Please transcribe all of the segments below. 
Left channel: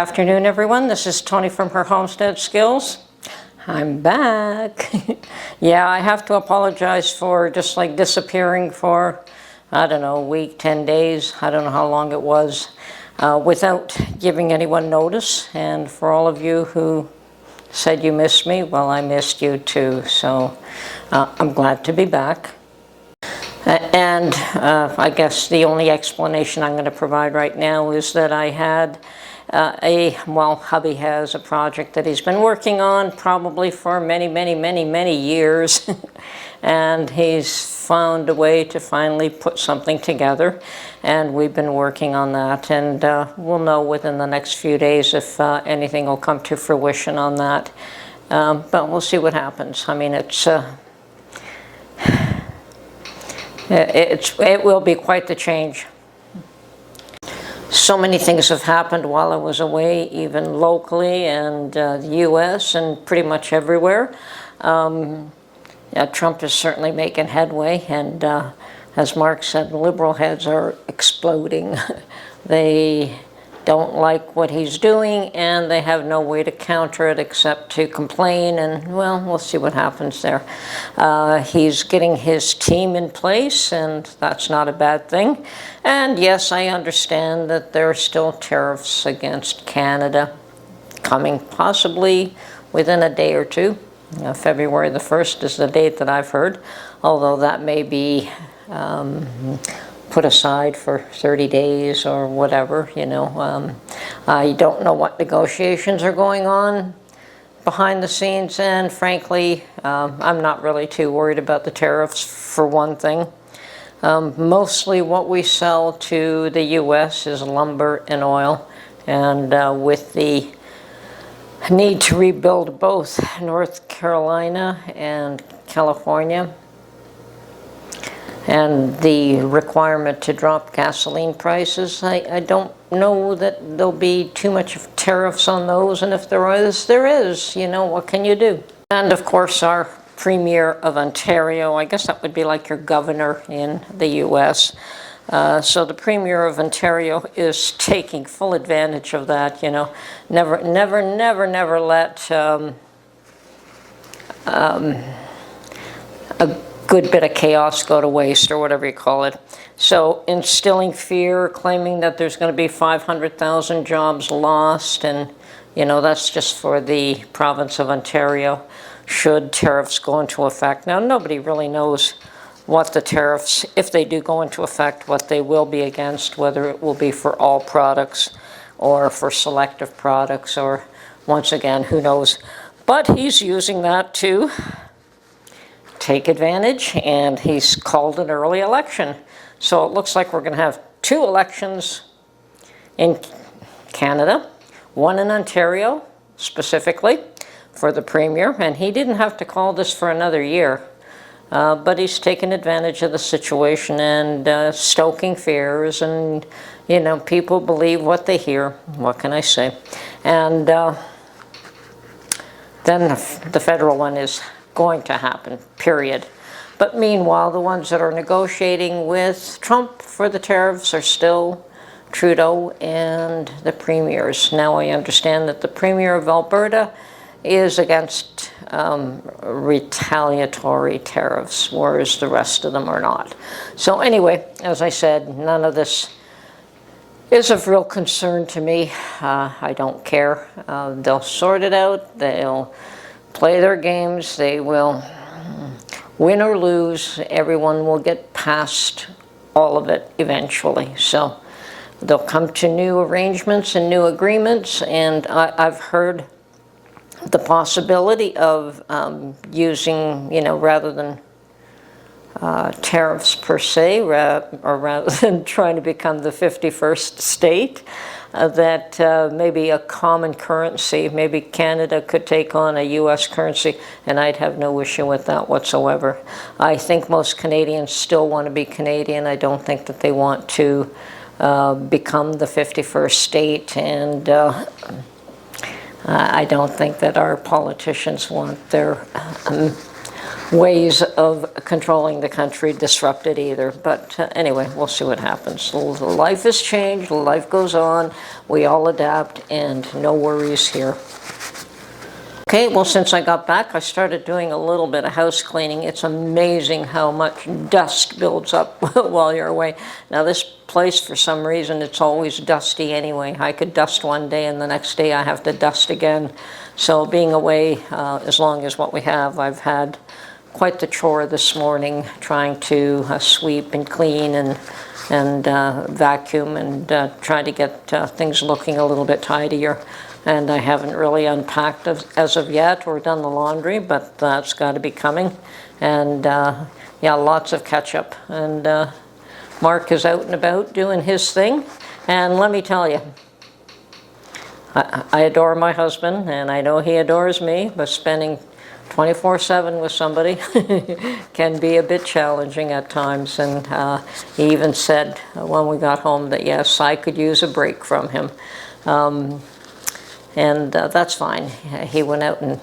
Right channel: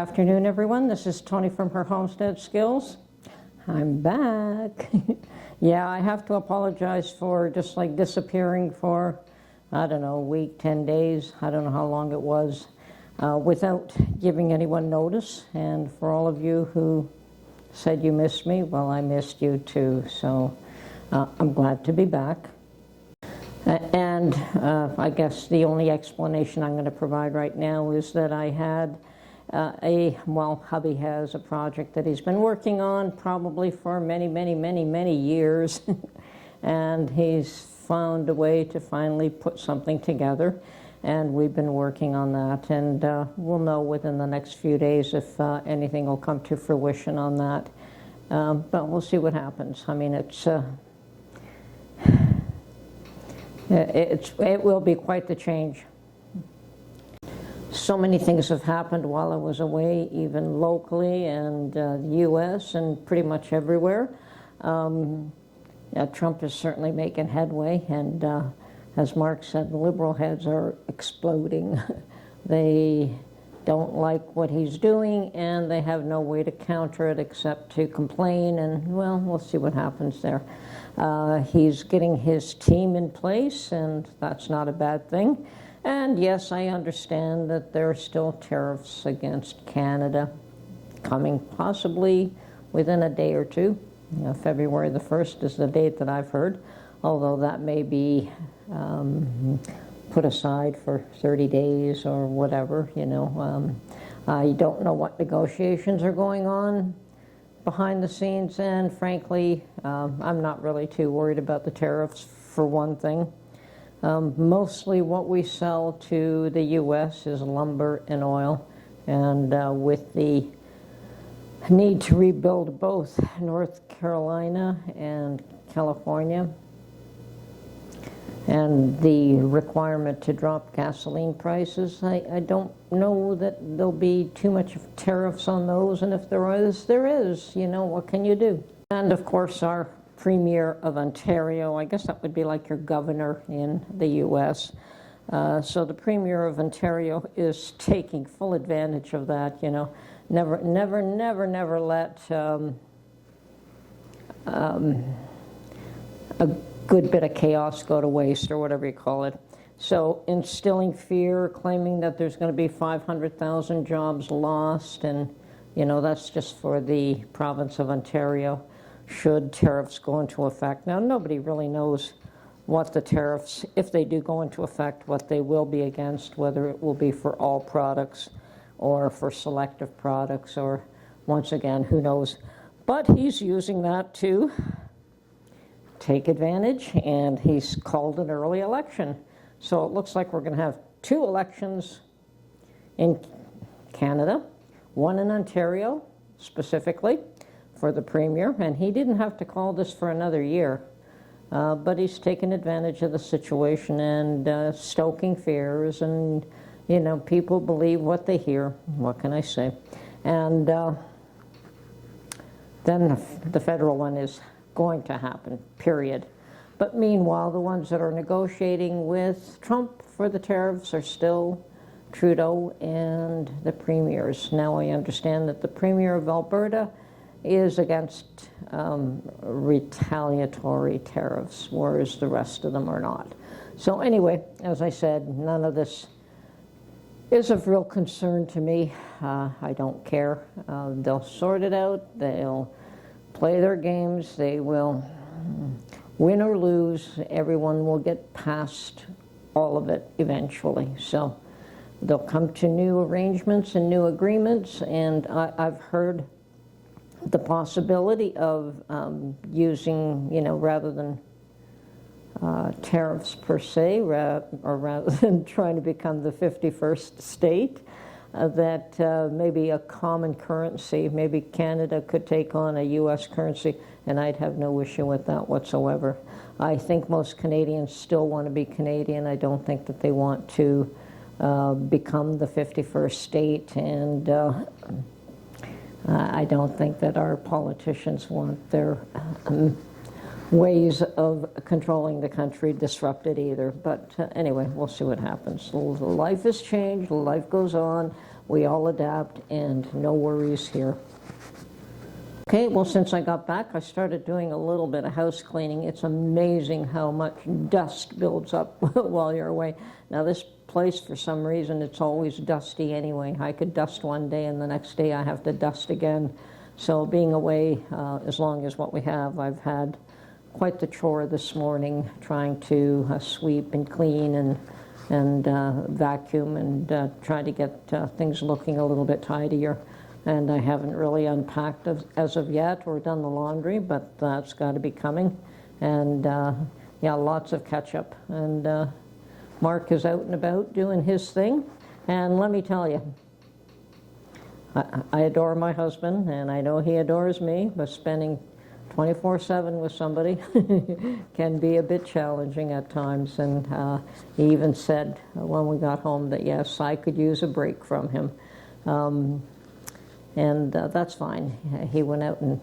Good afternoon, everyone. This is Tony from her Homestead Skills. I'm back. Yeah, I have to apologize for just like disappearing for, I don't know, a week, 10 days. I don't know how long it was, without giving anyone notice. And for all of you who said you missed me, well, I missed you too. So I'm glad to be back. And I guess the only explanation I'm going to provide right now is that I had hubby has a project that he's been working on probably for many years. And he's found a way to finally put something together. And we've been working on that. And we'll know within the next few days if anything will come to fruition on that. But we'll see what happens. I mean, it will be quite the change. So many things have happened while I was away, even locally and the U.S. and pretty much everywhere. Trump is certainly making headway, and as Mark said, the liberal heads are exploding. They don't like what he's doing, and they have no way to counter it except to complain, and well, we'll see what happens there. He's getting his team in place, and that's not a bad thing. And yes, I understand that there are still tariffs against Canada coming possibly within a day or two. February the 1st is the date that I've heard, although that may be put aside for 30 days or whatever, I don't know what negotiations are going on behind the scenes, and frankly, I'm not really too worried about the tariffs for one thing. Mostly what we sell to the U.S. is lumber and oil, and with the need to rebuild both North Carolina and California, and the requirement to drop gasoline prices, I don't know that there'll be too much of tariffs on those, and if there is, what can you do? And of course, our Premier of Ontario, I guess that would be like your governor in the U.S., so the Premier of Ontario is taking full advantage of that, Never let a good bit of chaos go to waste, or whatever you call it. So instilling fear, claiming that there's going to be 500,000 jobs lost, and that's just for the province of Ontario should tariffs go into effect. Now, nobody really knows what the tariffs, if they do go into effect, what they will be against, whether it will be for all products or for selective products, or once again, who knows. But he's using that to take advantage, and he's called an early election. So it looks like we're going to have 2 elections in Canada, one in Ontario specifically for the Premier, and he didn't have to call this for another year. But he's taken advantage of the situation and stoking fears, and, people believe what they hear. What can I say? And then the federal one is going to happen, period. But meanwhile, the ones that are negotiating with Trump for the tariffs are still Trudeau and the premiers. Now I understand that the Premier of Alberta is against retaliatory tariffs, whereas the rest of them are not. So anyway, as I said, none of this is of real concern to me. I don't care. They'll sort it out. They'll play their games. They will win or lose. Everyone will get past all of it eventually. So they'll come to new arrangements and new agreements, and I've heard the possibility of using, rather than tariffs per se, or rather than trying to become the 51st state, that maybe a common currency, maybe Canada could take on a U.S. currency, and I'd have no issue with that whatsoever. I think most Canadians still want to be Canadian. I don't think that they want to become the 51st state, and I don't think that our politicians want their ways of controlling the country disrupted either. But anyway, we'll see what happens. Life has changed, life goes on, we all adapt, and no worries here. Okay, well, since I got back, I started doing a little bit of house cleaning. It's amazing how much dust builds up while you're away. Now, this place, for some reason, it's always dusty anyway. I could dust one day, and the next day I have to dust again. So being away as long as what we have, I've had quite the chore this morning, trying to sweep and clean and vacuum and try to get things looking a little bit tidier. And I haven't really unpacked as of yet or done the laundry, but that's got to be coming. And yeah, lots of catch up. And Mark is out and about doing his thing. And let me tell you, I adore my husband, and I know he adores me, but spending 24/7 with somebody can be a bit challenging at times. And he even said when we got home that yes, I could use a break from him. And that's fine. He went out and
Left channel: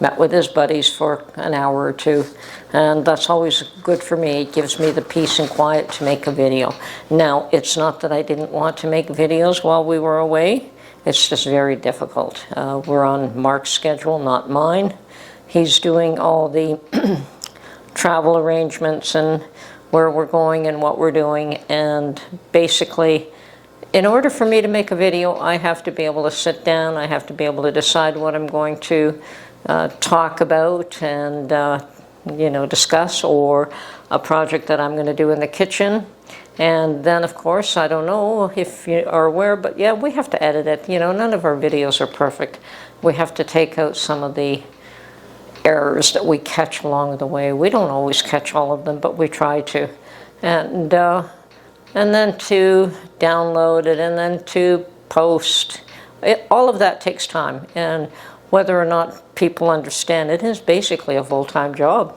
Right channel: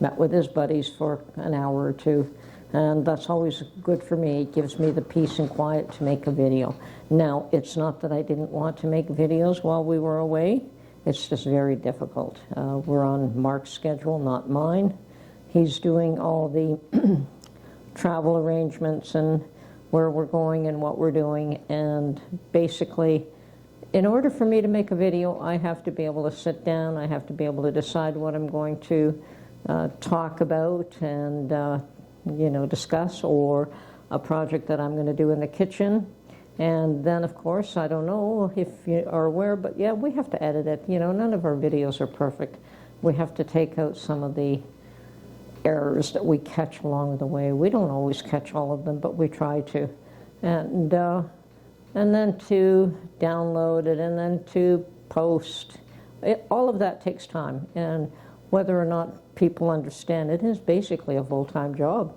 met with his buddies for an hour or two, and that's always good for me. It gives me the peace and quiet to make a video. Now, it's not that I didn't want to make videos while we were away. It's just very difficult. We're on Mark's schedule, not mine. He's doing all the travel arrangements and where we're going and what we're doing, and basically, in order for me to make a video, I have to be able to sit down, I have to be able to decide what I'm going to talk about and discuss, or a project that I'm going to do in the kitchen. And then, of course, I don't know if you are aware, but yeah, we have to edit it. None of our videos are perfect. We have to take out some of the errors that we catch along the way. We don't always catch all of them, but we try to. And then to download it, and then to post. All of that takes time. And whether or not people understand it is basically a full-time job.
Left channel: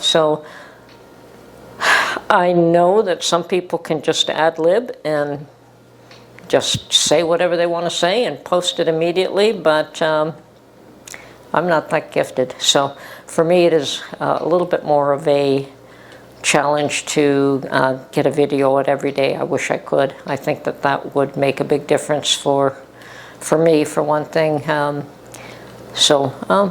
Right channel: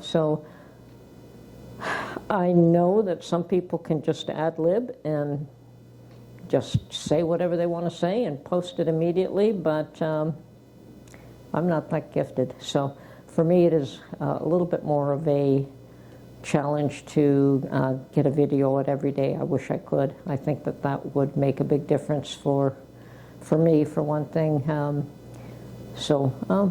So I know that some people can just ad-lib and just say whatever they want to say and post it immediately, but I'm not that gifted. So for me, it is a little bit more of a challenge to get a video out every day. I wish I could. I think that would make a big difference for me, for one thing. But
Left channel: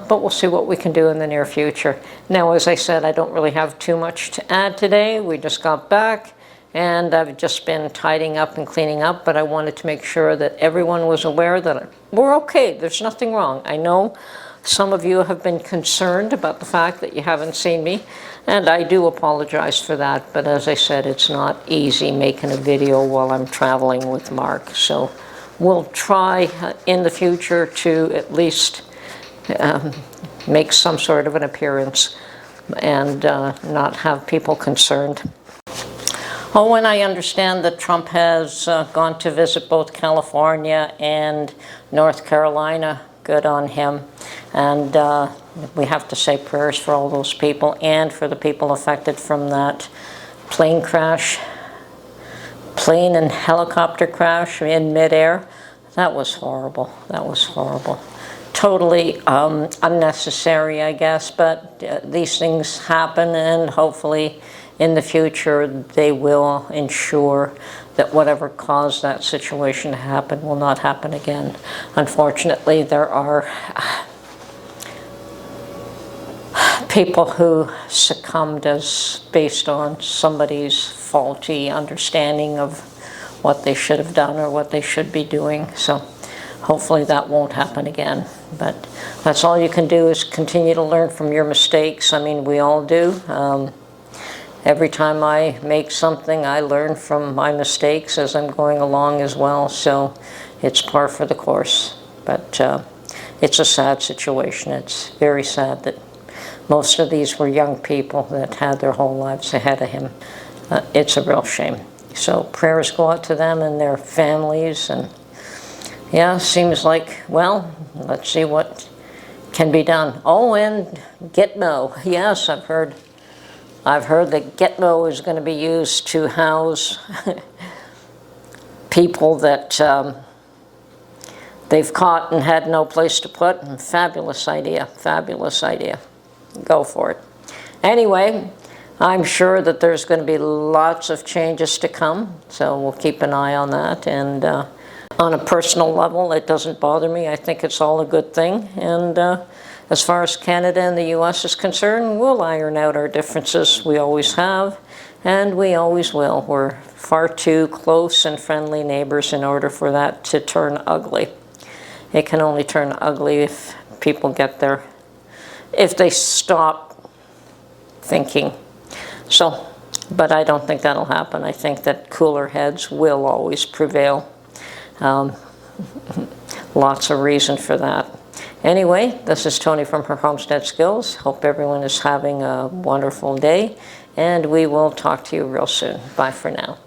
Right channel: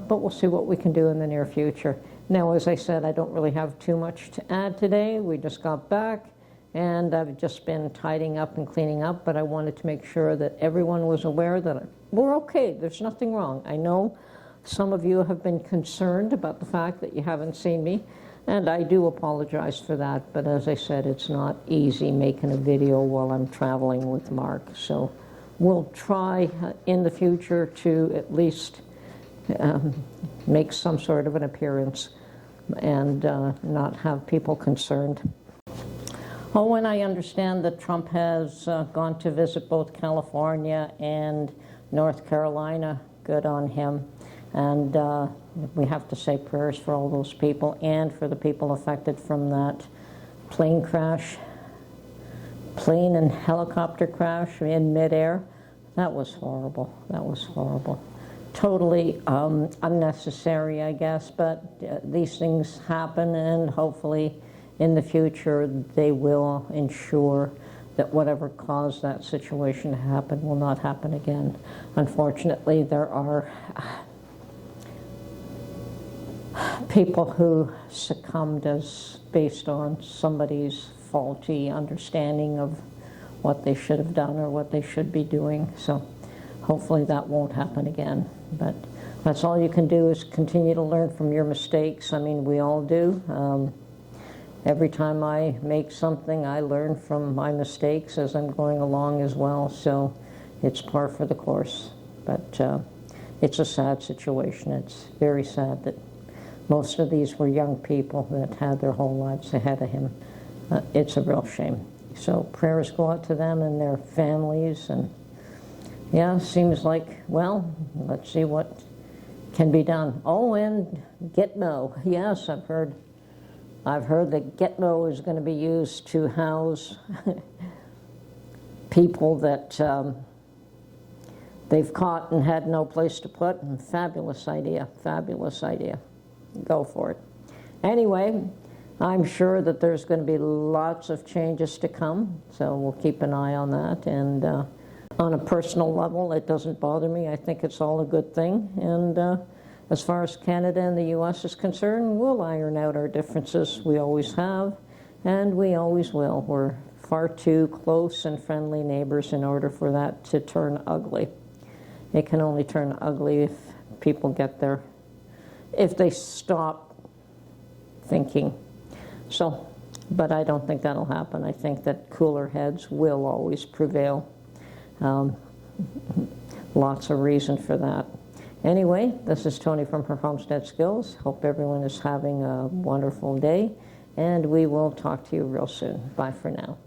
we'll see what we can do in the near future. Now, as I said, I don't really have too much to add today. We just got back, and I've just been tidying up and cleaning up, but I wanted to make sure that everyone was aware that we're okay. There's nothing wrong. I know some of you have been concerned about the fact that you haven't seen me, and I do apologize for that, but as I said, it's not easy making a video while I'm traveling with Mark. So we'll try in the future to at least make some sort of an appearance and not have people concerned. Oh, and I understand that Trump has gone to visit both California and North Carolina. Good on him. And we have to say prayers for all those people and for the people affected from that plane and helicopter crash in midair. That was horrible. That was horrible. Totally unnecessary, I guess, but these things happen, and hopefully in the future they will ensure that whatever caused that situation to happen will not happen again. Unfortunately, there are people who succumbed based on somebody's faulty understanding of what they should have done or what they should be doing. So hopefully that won't happen again. But that's all you can do, is continue to learn from your mistakes. I mean, we all do. Every time I make something, I learn from my mistakes as I'm going along as well. So it's par for the course. But it's a sad situation. It's very sad that most of these were young people that had their whole lives ahead of him. It's a real shame. So prayers go out to them and their families. And yeah, seems like, well, let's see what can be done. Oh, and Gitmo. Yes, I've heard that Gitmo is going to be used to house people that they've caught and had no place to put. Fabulous idea, fabulous idea. go for it. Anyway, I'm sure that there's going to be lots of changes to come, so we'll keep an eye on that. And on a personal level, it doesn't bother me. I think it's all a good thing. And as far as Canada and the U.S. is concerned, we'll iron out our differences. We always have, and we always will. We're far too close and friendly neighbors in order for that to turn ugly. It can only turn ugly if people get there, if they stop thinking. So, but I don't think that'll happen. I think that cooler heads will always prevail. Lots of reason for that. Anyway, this is Tony from Her Homestead Skills. Hope everyone is having a wonderful day, and we will talk to you real soon. Bye for now.